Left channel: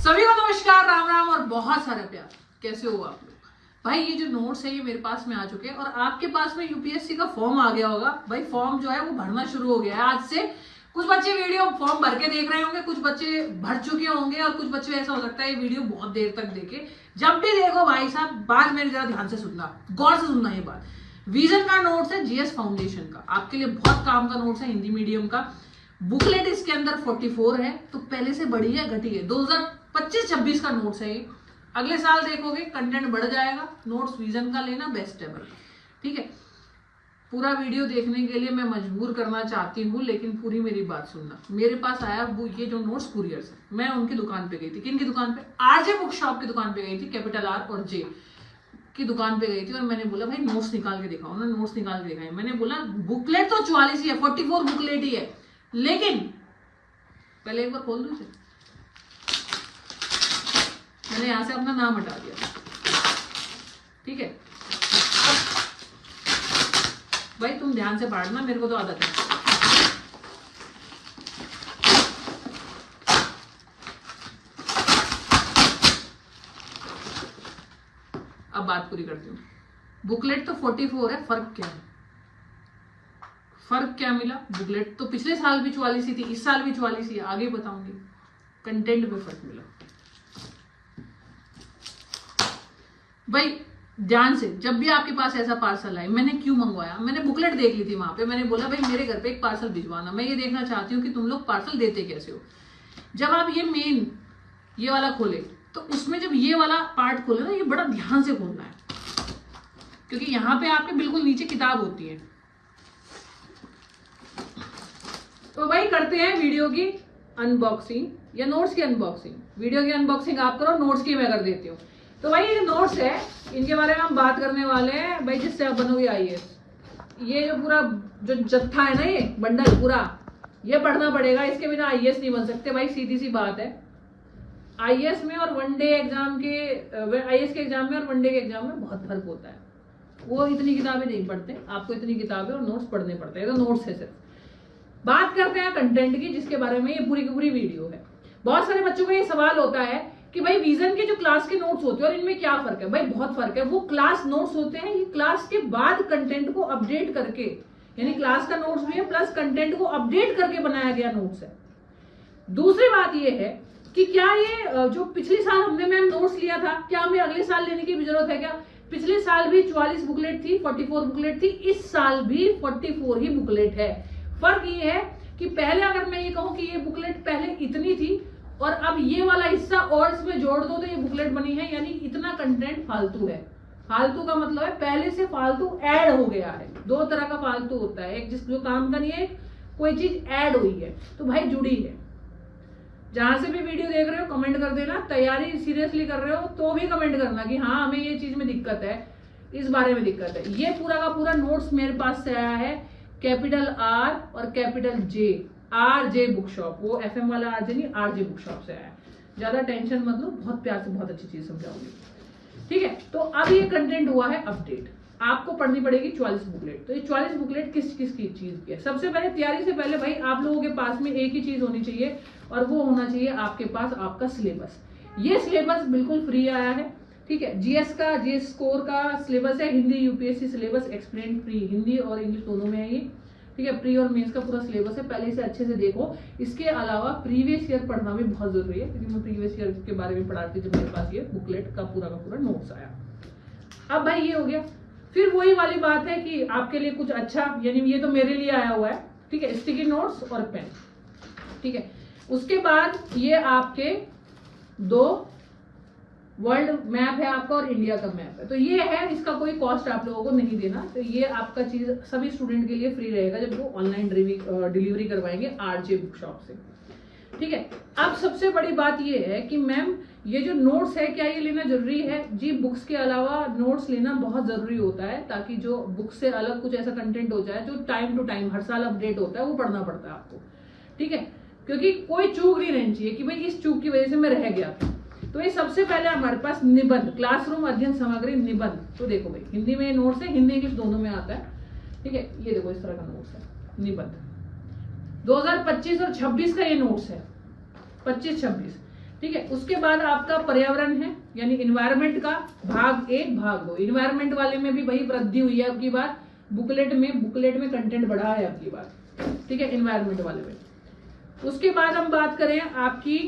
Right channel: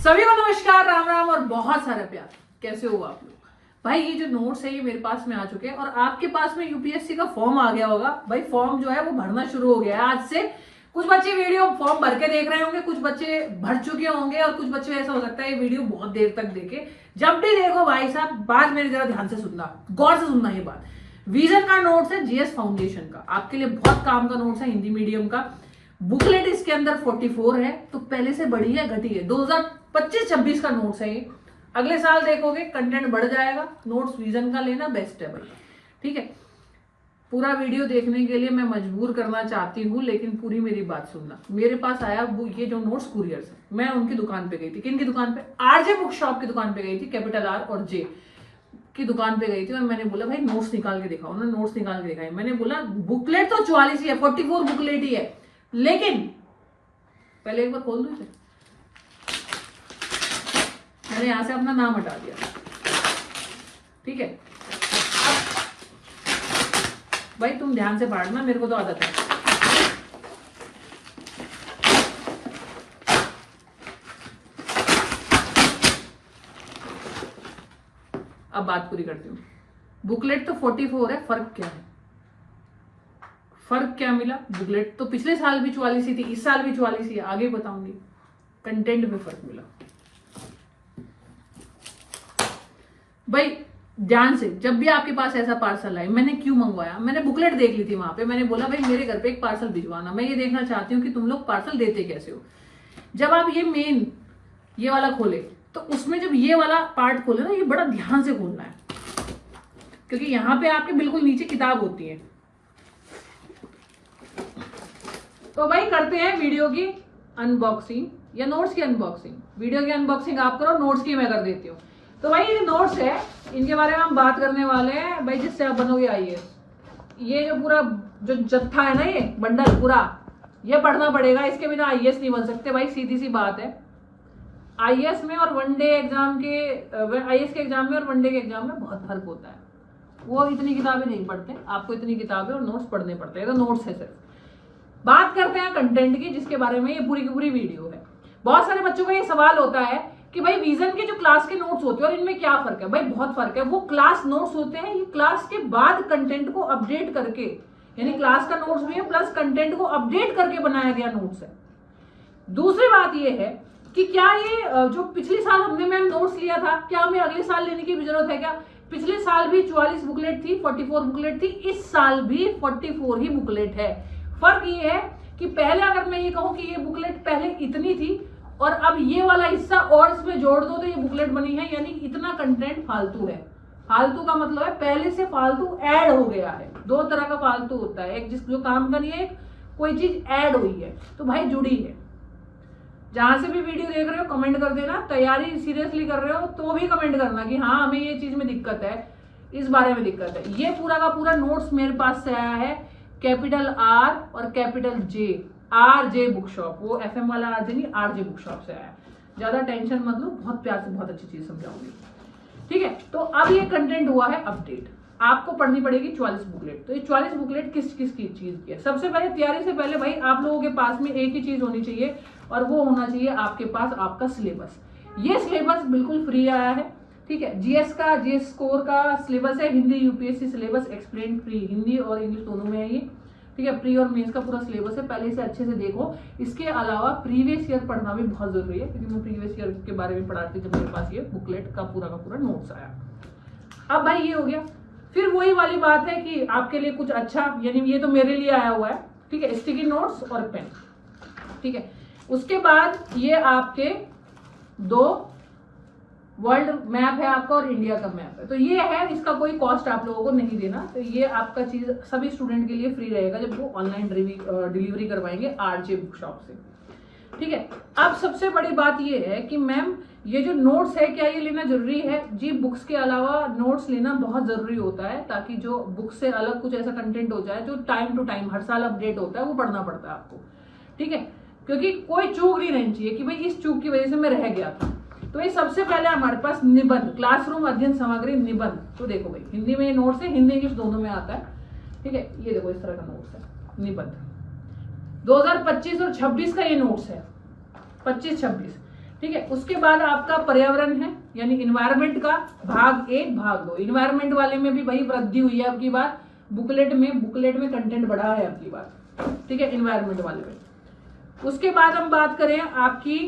सभी को नमस्कार, राम राम और बहुत सारा प्यार। कैसे हो आप लोग? भाई ये जो नोट्स है ये मेरे पास में आ चुके हैं और आपके पास में यूपीएससी का फॉर्म आ गया होगा। भाई फॉर्म जो है वो भरना शुरू हो गया है आज से। कुछ बच्चे वीडियो फॉर्म भर के देख रहे होंगे, कुछ बच्चे भर चुके होंगे और कुछ बच्चे ऐसा हो सकता है ये वीडियो बहुत देर तक देखे। जब भी देखो भाई साहब, बात मेरी जरा ध्यान से सुनना, गौर से सुनना ये बात। विजन का नोट्स है जीएस फाउंडेशन का, आपके लिए बहुत काम का नोट्स है, हिंदी मीडियम का। बुकलेट इसके अंदर 44 है, तो पहले से बढ़ी है घटी है। 2025-26 का नोट्स है ये। अगले साल देखोगे कंटेंट बढ़ जाएगा। नोट्स विजन का लेना बेस्ट है भाई, ठीक है। पूरा वीडियो देखने के लिए मैं मजबूर करना चाहती हूँ, लेकिन पूरी मेरी बात सुनना। मेरे पास आया ये जो नोट्स कुरियर से, मैं उनकी दुकान पे गई थी। किन की दुकान पे? आरजे बुक शॉप की दुकान पे गई थी, कैपिटल आर और जे की दुकान पे गई थी। और मैंने बोला भाई नोट्स निकाल के दिखाओ। उन्होंने नोट्स निकाल के दिखाई। मैंने बोला बुकलेट तो 44 ही है, 44 बुकलेट ही है, लेकिन पहले एक बार खोल दो इसे। मैंने यहां से अपना नाम हटा दिया, ठीक है। भाई तुम ध्यान से पढ़ना, मेरे को तो आदत है। अब बात पूरी करती हूँ। बुकलेट तो 44 है, फर्क क्या है? फर्क क्या मिला? बुकलेट तो पिछले साल भी 44 ही थी, इस साल भी 44 ही है, आगे बताऊंगी। कंटेंट में फर्क मिला। भाई ध्यान से, जब भी आपके पास ऐसा पार्सल आए, मैंने क्यों मंगवाया? मैंने बुकलेट देख ली थी वहां पे। मैंने बोला भाई मेरे घर पे एक पार्सल भिजवाना, मैं ये देखना चाहती हूँ कि तुम लोग पार्सल देते कैसे हो। जब आप ये मेन ये वाला खोले, तो उसमें जब ये वाला पार्ट खोले ना, ये बड़ा ध्यान से खोलना है, क्योंकि यहाँ पे आपके बिल्कुल नीचे किताब होती है। तो भाई करते हैं वीडियो की अनबॉक्सिंग या नोट्स की अनबॉक्सिंग। वीडियो की अनबॉक्सिंग आप करो, नोट्स की मैं कर देती हूँ। तो भाई ये नोट्स है, इनके बारे में हम बात करने वाले हैं भाई, जिससे आप बनोगे आईएएस। ये जो पूरा जो जत्था है ना, ये बंडल पूरा, ये पढ़ना पड़ेगा। इसके बिना आईएएस नहीं बन सकते भाई, सीधी सी बात है। आईएएस में और वनडे एग्जाम के, आईएएस के एग्जाम में और वनडे के एग्जाम में बहुत फर्क होता है। वो इतनी किताबें नहीं पढ़ते, आपको इतनी किताबें और नोट्स पढ़ने पड़ते हैं। तो नोट्स है सिर्फ। बात करते हैं कंटेंट की, जिसके बारे में ये पूरी की पूरी वीडियो है। बहुत सारे बच्चों को ये सवाल होता है कि भाई विजन के जो क्लास के नोट्स होते हैं और इनमें क्या फर्क है? भाई बहुत फर्क है। वो क्लास नोट्स होते हैं, ये क्लास के बाद कंटेंट को अपडेट करके, यानी क्लास का नोट्स भी है प्लस कंटेंट को अपडेट करके बनाया गया नोट्स है। दूसरी बात ये है कि क्या ये जो पिछले साल हमने मैम नोट्स लिया था, क्या हमें अगले साल लेने की भी जरूरत है क्या? पिछले साल भी 44 बुकलेट थी, 44 बुकलेट थी, इस साल भी 44 ही बुकलेट है। फर्क ये है कि पहले अगर मैं ये कहूं कि ये बुकलेट पहले इतनी थी और अब ये वाला हिस्सा और इसमें जोड़ दो तो ये बुकलेट बनी है, यानी इतना कंटेंट फालतू है। फालतू का मतलब है पहले से फालतू ऐड हो गया है। दो तरह का फालतू होता है, एक जिस जो काम का नहीं है, कोई चीज ऐड हुई है, तो भाई जुड़ी है। जहां से भी वीडियो देख रहे हो कमेंट कर देना। तैयारी सीरियसली कर रहे हो तो भी कमेंट करना कि हाँ हमें ये चीज में दिक्कत है, इस बारे में दिक्कत है। ये पूरा का पूरा नोट्स मेरे पास से आया है कैपिटल आर और capital J, RJ book shop. वो एफएम वाला आरजे नहीं, आरजे बुक शॉप से आया है। ज्यादा टेंशन मत लो, बहुत प्यार से बहुत अच्छी चीज समझाऊंगी, ठीक है। तो अब ये कंटेंट हुआ है अपडेट। आपको पढ़नी पड़ेगी 44 बुकलेट। तो ये 44 बुकलेट किस किस की चीज की है? सबसे पहले तैयारी से पहले भाई आप लोगों के पास में एक ही चीज होनी चाहिए, और वो होना चाहिए आपके पास आपका सिलेबस। ये सिलेबस बिल्कुल फ्री आया है, ठीक है। जीएस का, जीएस स्कोर का सिलेबस है, Hindi UPSC syllabus explain free, Hindi और इंग्लिश दोनों में है ये, ठीक है। प्री और मेंस का पूरा सिलेबस है, पहले से अच्छे से देखो। इसके अलावा प्रीवियस ईयर पढ़ना भी बहुत जरूरी है, क्योंकि मैं प्रीवियस ईयर के बारे में पढ़ाती थी जब मेरे पास ये बुकलेट का पूरा नोट्स आया। अब भाई ये हो गया। फिर वही वाली बात है कि आपके लिए कुछ अच्छा, यानी ये तो मेरे लिए आया हुआ है, ठीक है, स्टिकी नोट्स और पेन, ठीक है। उसके बाद ये आपके दो वर्ल्ड मैप है आपका और इंडिया का मैप है। तो ये है, इसका कोई कॉस्ट आप लोगों को नहीं देना। तो ये आपका चीज सभी स्टूडेंट के लिए फ्री रहेगा जब वो ऑनलाइन डिलीवरी करवाएंगे आरजे बुक शॉप से, ठीक है। अब सबसे बड़ी बात ये है कि मैम ये जो नोट्स है, क्या ये लेना जरूरी है? जी, बुक्स के अलावा नोट्स लेना बहुत जरूरी होता है, ताकि जो बुक से अलग कुछ ऐसा कंटेंट हो जाए जो टाइम टू टाइम हर साल अपडेट होता है, वो पढ़ना पड़ता है आपको, ठीक है। क्योंकि कोई चूक नहीं रहनी चाहिए कि भाई इस चूक की वजह से मैं रह गया था। तो ये सबसे पहले हमारे पास निबंध, क्लासरूम अध्ययन सामग्री निबंध। तो देखो भाई हिंदी में ये नोट्स है, हिंदी इंग्लिश दोनों में आता है, ठीक है। ये देखो इस तरह का नोट्स है निबंध। 2025 और 26 का ये नोट्स है, 25-26। ठीक है। उसके बाद आपका पर्यावरण है यानी इन्वायरमेंट का भाग 1 भाग 2। इन्वायरमेंट वाले में भी भाई वृद्धि हुई है आपकी बार, बुकलेट में कंटेंट बढ़ा है आपकी बार, ठीक है, इन्वायरमेंट वाले में। उसके बाद हम बात करें आपकी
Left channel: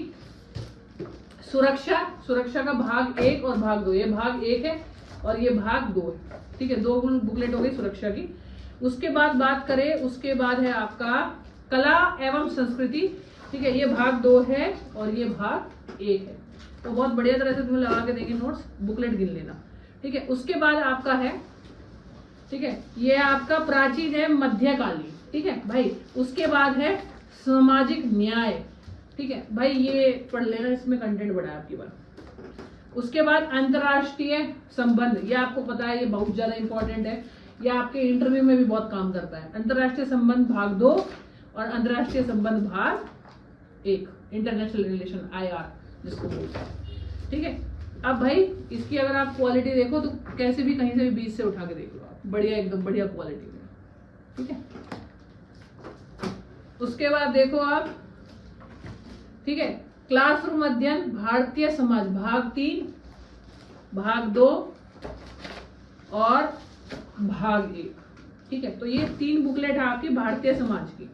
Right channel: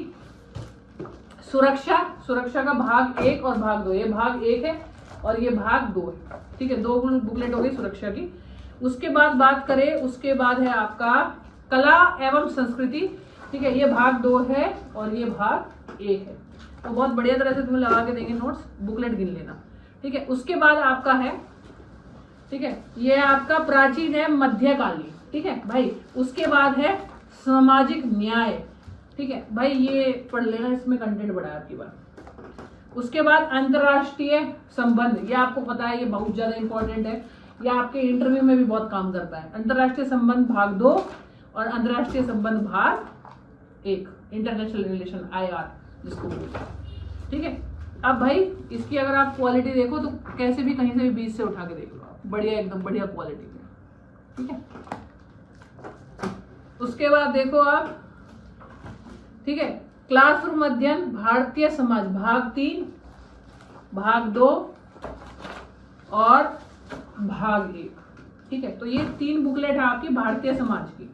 सुरक्षा का भाग 1 और भाग 2। ये भाग 1 है और ये भाग 2 है, ठीक है, 2 बुकलेट हो गई सुरक्षा की। उसके बाद बात करें, उसके बाद है आपका कला एवं संस्कृति, ठीक है, ये भाग 2 है और ये भाग 1 है। तो बहुत बढ़िया तरह से तुम्हें लगा के देंगे नोट्स, बुकलेट गिन लेना, ठीक है। उसके बाद आपका है, ठीक है, ये आपका प्राचीन है मध्यकालीन, ठीक है भाई। उसके बाद है सामाजिक न्याय, ठीक है भाई, ये पढ़ लेना, इसमें कंटेंट बड़ा है आपकी बार। उसके बाद अंतरराष्ट्रीय संबंध, ये आपको पता है, ये बहुत ज्यादा इंपॉर्टेंट है, ये आपके इंटरव्यू में भी बहुत काम करता है। अंतरराष्ट्रीय संबंध भाग 2 और अंतरराष्ट्रीय संबंध भाग 1, इंटरनेशनल रिलेशन IR जिसको बोलते हैं, ठीक है। अब भाई इसकी अगर आप क्वालिटी देखो तो कैसे भी कहीं से भी 20 से उठा के देख लो आप, बढ़िया, एकदम बढ़िया क्वालिटी में, ठीक है। उसके बाद देखो आप, ठीक है, क्लासरूम अध्ययन भारतीय समाज भाग 3 भाग 2 और भाग 1, ठीक है। तो ये 3 बुकलेट है आपकी भारतीय समाज की।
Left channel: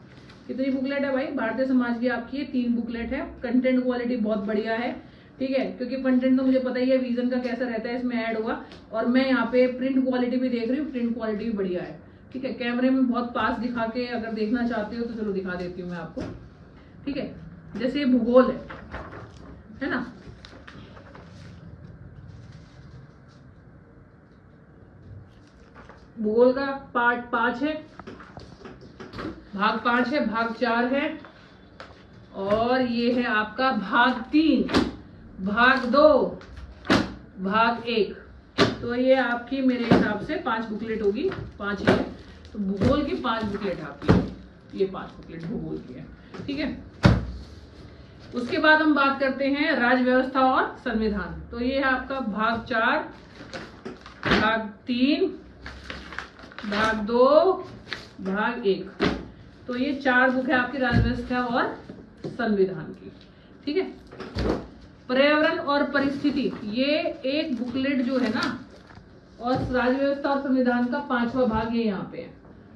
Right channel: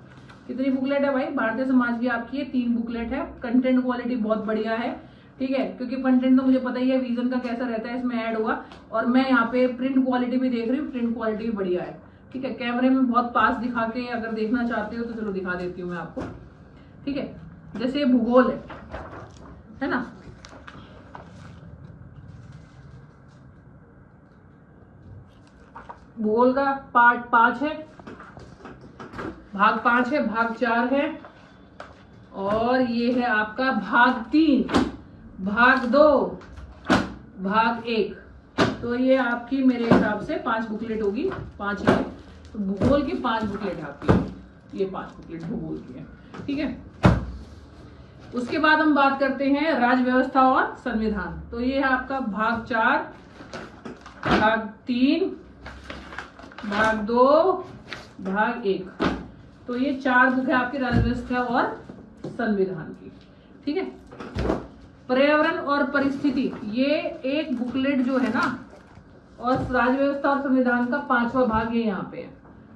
कितनी बुकलेट है भाई भारतीय समाज की आपकी? ये 3 बुकलेट है। कंटेंट क्वालिटी बहुत बढ़िया है, ठीक है, क्योंकि कंटेंट तो मुझे पता ही है विजन का कैसा रहता है, इसमें ऐड होगा। और मैं यहाँ पे प्रिंट क्वालिटी भी देख रही हूँ, प्रिंट क्वालिटी भी बढ़िया है, ठीक है। कैमरे में बहुत पास दिखा के अगर देखना चाहते हो तो चलो दिखा देती हूँ मैं आपको, ठीक है। जैसे भूगोल है ना, भूगोल का पार्ट 5 है, भाग 5 है, भाग 4 है, और ये है आपका भाग 3, भाग 2, भाग 1। तो ये आपकी मेरे हिसाब से 5 बुकलेट होगी, 5 ही है। तो भूगोल की 5 बुकलेट आपकी, ये 5 बुकलेट भूगोल की है, ठीक है। उसके बाद हम बात करते हैं राज्य व्यवस्था और संविधान। तो ये है आपका भाग 4, भाग 3, भाग 2, भाग 1। तो ये 4 बुक है आपकी राज्य व्यवस्था और संविधान की, ठीक है। पर्यावरण और परिस्थिति, ये एक बुकलेट जो है ना, और राज्य व्यवस्था और संविधान का 5वां भाग ये यहाँ पे है,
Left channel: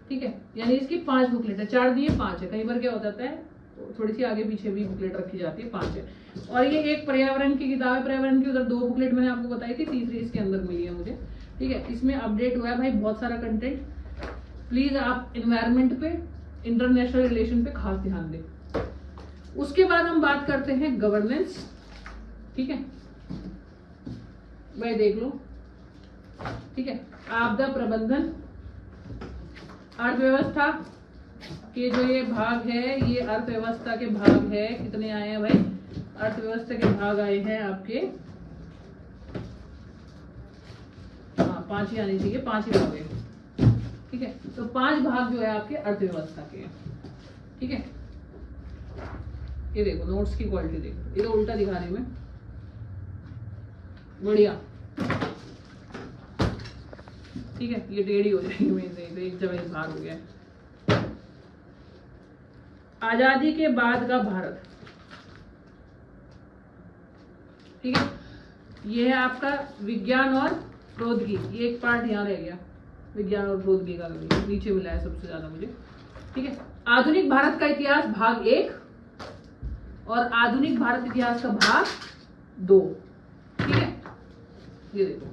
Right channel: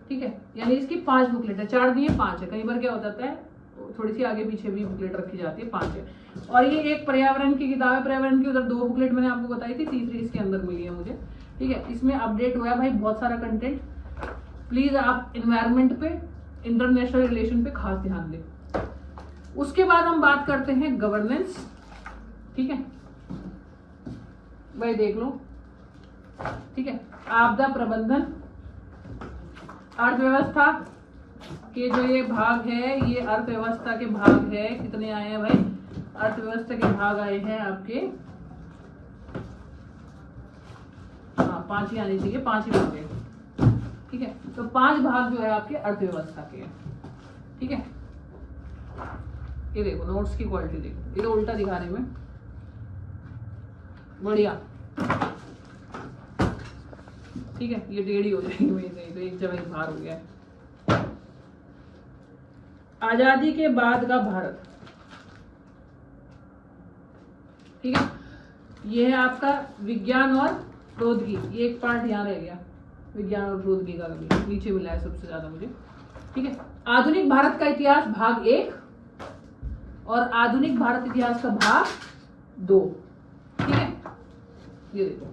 ठीक है। यानी इसकी 5 बुकलेट है, 4 नहीं है 5 है। कई बार क्या हो जाता है थोड़ी सी आगे पीछे भी बुकलेट रखी जाती है, 5 है। और ये एक पर्यावरण की किताब है, पर्यावरण की उधर 2 बुकलेट मैंने आपको बताई थी, तीसरी इसके अंदर मिली है मुझे, ठीक है। इसमें अपडेट हुआ है भाई बहुत सारा कंटेंट। प्लीज आप एनवायरमेंट पे, इंटरनेशनल रिलेशन पे खास ध्यान दें। उसके बाद हम बात करते हैं गवर्नेंस, ठीक है भाई, देख लो, ठीक है। आपदा प्रबंधन, अर्थव्यवस्था के जो ये भाग है, ये अर्थव्यवस्था के भाग है। कितने आए हैं भाई? अर्थव्यवस्था के भाग आए हैं आपके, हाँ 5 ही आने चाहिए, 5 ही भाग है, ठीक है। तो 5 भाग जो है आपके अर्थव्यवस्था के, ठीक है। ये देखो नोट्स की क्वालिटी देखो, ये तो उल्टा दिखा रही मैं, बढ़िया, ठीक है। ये टेढ़ी हो जाएगी मेरे से, तो एक जगह बाहर हो गया है। आजादी के बाद का भारत, ठीक है। ये है आपका विज्ञान और प्रौद्योगिकी, ये एक पार्ट यहाँ रह गया, विज्ञान और प्रौद्योगिकी का कभी नीचे मिला है सबसे ज्यादा मुझे, ठीक है। आधुनिक भारत का इतिहास भाग 1 और आधुनिक भारत इतिहास का भाग 2, ठीक है। ये देखो,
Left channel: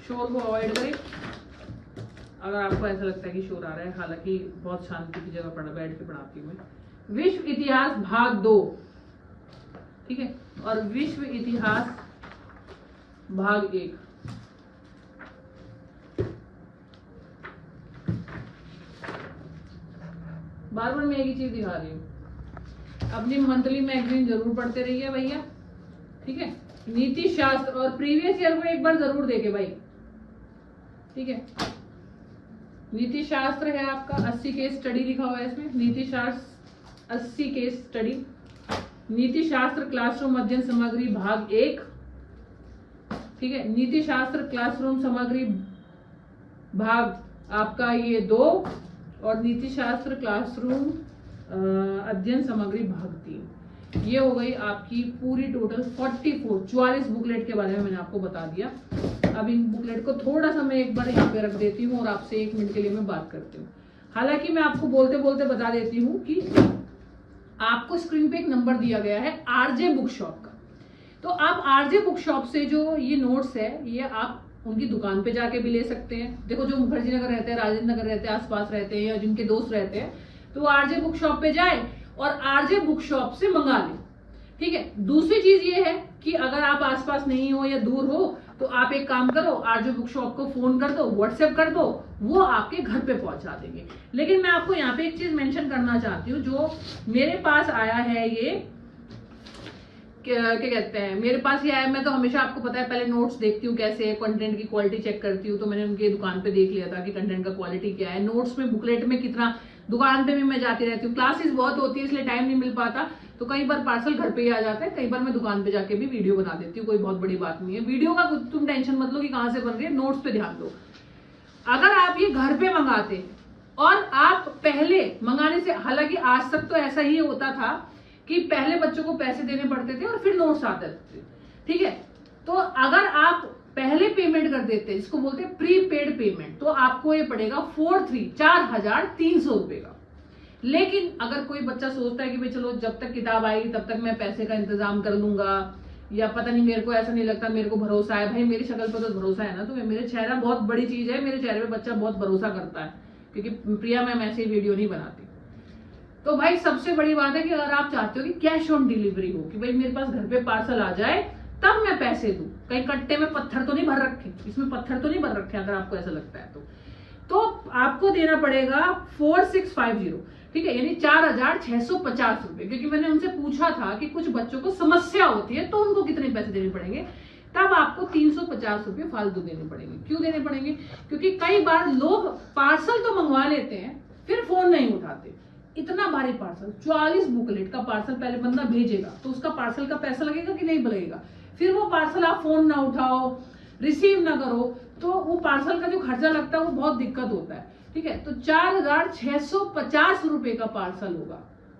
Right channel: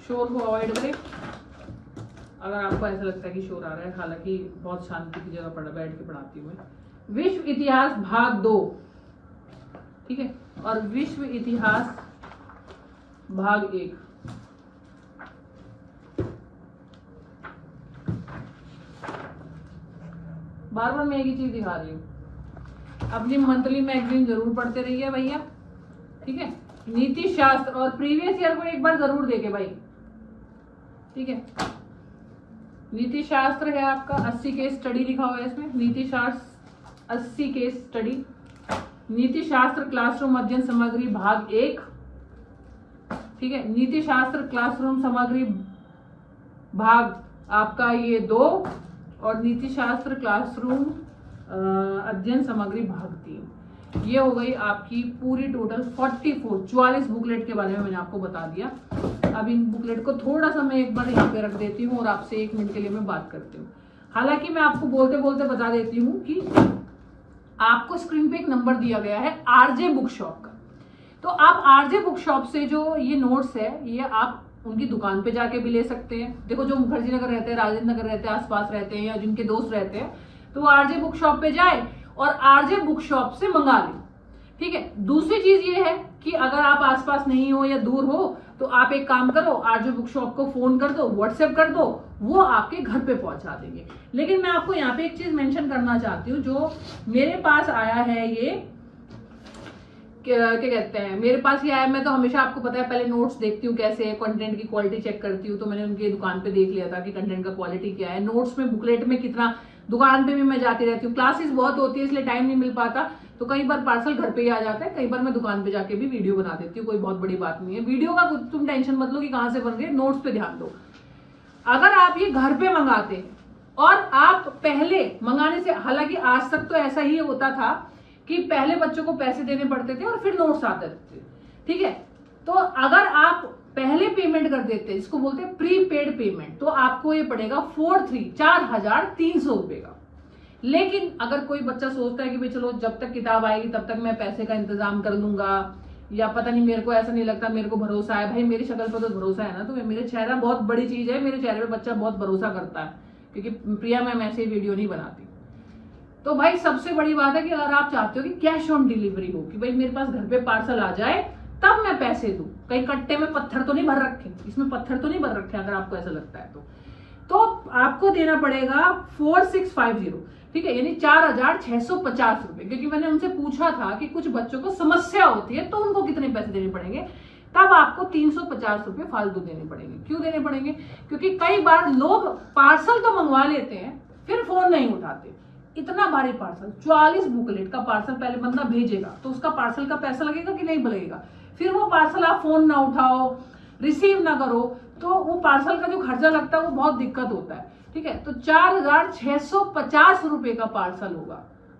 शोर को अवॉइड करें अगर आपको ऐसा लगता है कि शोर आ रहा है, हालांकि बहुत शांति की जगह बैठ के पढ़ाती हूँ मैं। विश्व इतिहास भाग 2, ठीक है, और विश्व इतिहास भाग 1। बार बार मैं एक ही चीज दिखा रही हूँ, अपनी मंथली मैगजीन जरूर पढ़ते रहिए भैया, ठीक है। नीति शास्त्र और प्रीवियस ईयर को एक बार जरूर देखे भाई, ठीक है। नीति शास्त्र है आपका 80 केस स्टडी लिखा हुआ है इसमें, नीति शास्त्र 80 केस स्टडी। नीति शास्त्र क्लासरूम अध्ययन सामग्री भाग 1, ठीक है। नीति शास्त्र क्लासरूम सामग्री भाग आपका ये 2, और नीति शास्त्र क्लासरूम अध्ययन सामग्री भाग 3। ये हो गई आपकी पूरी टोटल 44 बुकलेट के बारे में मैंने आपको बता दिया। अब इन बुकलेट को थोड़ा सा मैं एक बार यहाँ पे रख देती हूँ और आपसे 1 मिनट के लिए मैं बात करती हूँ। हालांकि मैं आपको बोलते बोलते बता देती हूँ कि आपको स्क्रीन पे एक नंबर दिया गया है आरजे बुक शॉप का। तो आप आरजे बुक शॉप से जो ये नोट्स है ये आप उनकी दुकान पे जाके भी ले सकते हैं। देखो जो मुखर्जी नगर रहते हैं, राजेंद्र नगर रहते हैं, आसपास रहते हैं या जिनके दोस्त रहते हैं तो आरजे बुक शॉप पे जाए और आरजे बुक शॉप से मंगा ले। ठीक है। दूसरी चीज ये है कि अगर आप आसपास नहीं हो या दूर हो तो आप एक काम करो, आरजे बुक शॉप को फोन कर दो, व्हाट्सएप कर दो, वो आपके घर पे पहुंचा देंगे। लेकिन मैं आपको यहाँ पे एक चीज मेंशन करना चाहती हूँ, जो मेरे पास आया है ये क्या कहते हैं, मेरे पास ये आया, मैं तो हमेशा आपको पता है पहले नोट्स देखती हूँ कैसे है, कंटेंट की क्वालिटी चेक करती हूँ। तो मैंने उनकी दुकान पे देख लिया था कि कंटेंट का क्वालिटी क्या है, नोट्स में बुकलेट में कितना, दुकान पे भी मैं जाती रहती हूँ, क्लासेस बहुत होती है इसलिए टाइम नहीं मिल पाता, तो कई बार पार्सल घर पे ही आ जाता है, कई बार मैं दुकान पे जाके भी वीडियो बना देती हूँ, कोई बहुत बड़ी बात नहीं है। वीडियो का तुम टेंशन मत लो कि कहाँ से बन रही है, नोट्स पे ध्यान दो। अगर आप ये घर पे मंगाते और आप पहले मंगाने से, हालांकि आज तक तो ऐसा ही होता था कि पहले बच्चों को पैसे देने पड़ते थे और फिर नोट्स आते थे। ठीक है। तो अगर आप पहले पेमेंट कर देते, इसको बोलते हैं प्रीपेड पेमेंट, तो आपको ये पड़ेगा 4,300 रुपए का। लेकिन अगर कोई बच्चा सोचता है कि भाई चलो जब तक किताब आएगी तब तक मैं पैसे का इंतजाम कर लूंगा, या पता नहीं मेरे को ऐसा नहीं लगता, मेरे को भरोसा है, भाई मेरी शक्ल पर तो भरोसा है ना, तो मेरे चेहरा बहुत बड़ी चीज है, मेरे चेहरे पे बच्चा बहुत भरोसा करता है, क्योंकि प्रिया मैम ऐसे ही वीडियो नहीं बनाती। तो भाई सबसे बड़ी बात है कि अगर आप चाहते हो कि कैश ऑन डिलीवरी हो, कि भाई मेरे पास घर पे पार्सल आ जाए तब मैं पैसे दूं, कहीं कट्टे में पत्थर तो नहीं भर रखे, इसमें पत्थर तो नहीं भर रखे, अगर आपको ऐसा लगता है तो आपको देना पड़ेगा 4650। ठीक है, यानी 4,650 रुपए। क्योंकि मैंने उनसे पूछा था कि कुछ बच्चों को समस्या होती है तो उनको कितने पैसे देने पड़ेंगे, तब आपको 350 रुपए फालतू देने पड़ेंगे। क्यों देने पड़ेंगे? क्योंकि कई बार लोग पार्सल तो मंगवा लेते हैं फिर फोन नहीं उठाते। इतना भारी पार्सल, 44 बुकलेट का पार्सल पहले बंदा भेजेगा तो उसका पार्सल का पैसा लगेगा कि नहीं लगेगा, फिर वो पार्सल आप फोन ना उठाओ, रिसीव ना करो, तो वो पार्सल का जो खर्चा लगता है वो बहुत दिक्कत होता है। ठीक है। तो 4,650 रुपए का पार्सल होगा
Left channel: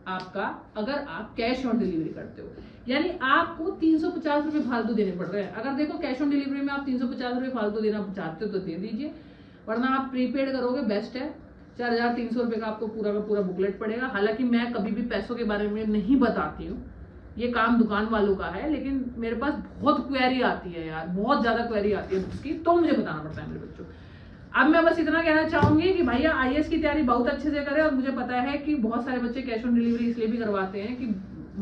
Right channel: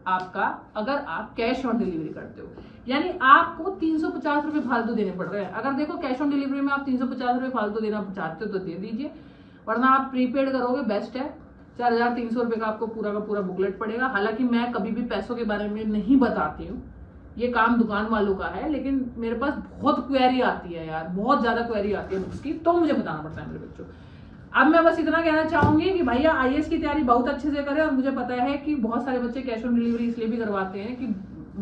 आपका अगर आप कैश ऑन डिलीवरी करते हो, यानी आपको 350 रुपए फालतू देने पड़ रहे हैं। अगर देखो कैश ऑन डिलीवरी में आप 350 रुपए फालतू देना चाहते हो तो दे दीजिए, वरना आप प्रीपेड करोगे बेस्ट है। 4,300 रुपए का आपको पूरा का पूरा बुकलेट पड़ेगा। हालांकि मैं कभी भी पैसों के बारे में नहीं बताती हूँ, ये काम दुकान वालों का है, लेकिन मेरे पास बहुत क्वेरी आती है यार, बहुत ज्यादा क्वेरी आती है बुक्स की, तो मुझे बताना पड़ता है मेरे बच्चों। अब मैं बस इतना कहना चाहूंगी कि भैया आईएएस की तैयारी बहुत अच्छे से करें, और मुझे पता है कि बहुत सारे बच्चे कैश ऑन डिलीवरी इसलिए भी करवाते हैं कि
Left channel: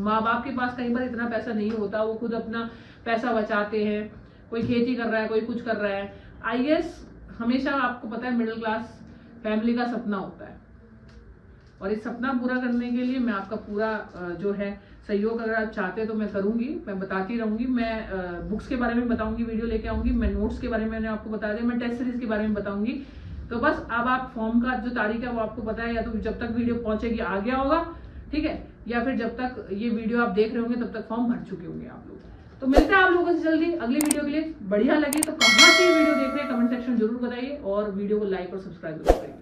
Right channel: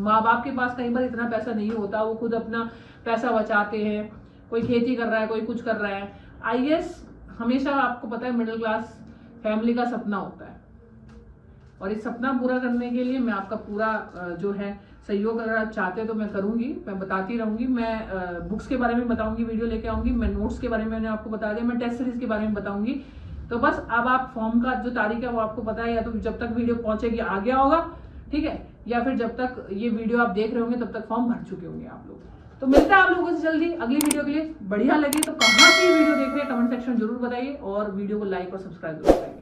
माँ बाप के पास कई बार इतना पैसा नहीं होता, वो खुद अपना पैसा बचाते हैं, कोई खेती कर रहा है, कोई कुछ कर रहा है। आईएएस हमेशा आपको पता है मिडिल क्लास फैमिली का सपना होता है, और इस सपना पूरा करने के लिए मैं आपका पूरा जो है सहयोग, अगर आप चाहते हैं तो मैं करूंगी, मैं बताती रहूंगी। मैं बुक्स के बारे में बताऊंगी, वीडियो लेके आऊंगी, मैं नोट्स के बारे में मैंने आपको बता दिया, मैं टेस्ट सीरीज के बारे में बताऊंगी। तो बस अब आप फॉर्म का जो तारीख है वो आपको पता है, या तो जब तक वीडियो पहुंचेगी आ गया होगा, ठीक है, या फिर जब तक ये वीडियो आप देख रहे होंगे तब तक फॉर्म भर चुके होंगे आप लोग। तो मिलते हैं आप लोगों से जल्दी अगली वीडियो के लिए। बढ़िया लगी तो कहाँ से वीडियो देख रहे हैं कमेंट सेक्शन जरूर बताइए, और वीडियो को लाइक और सब्सक्राइब जरूर करिए।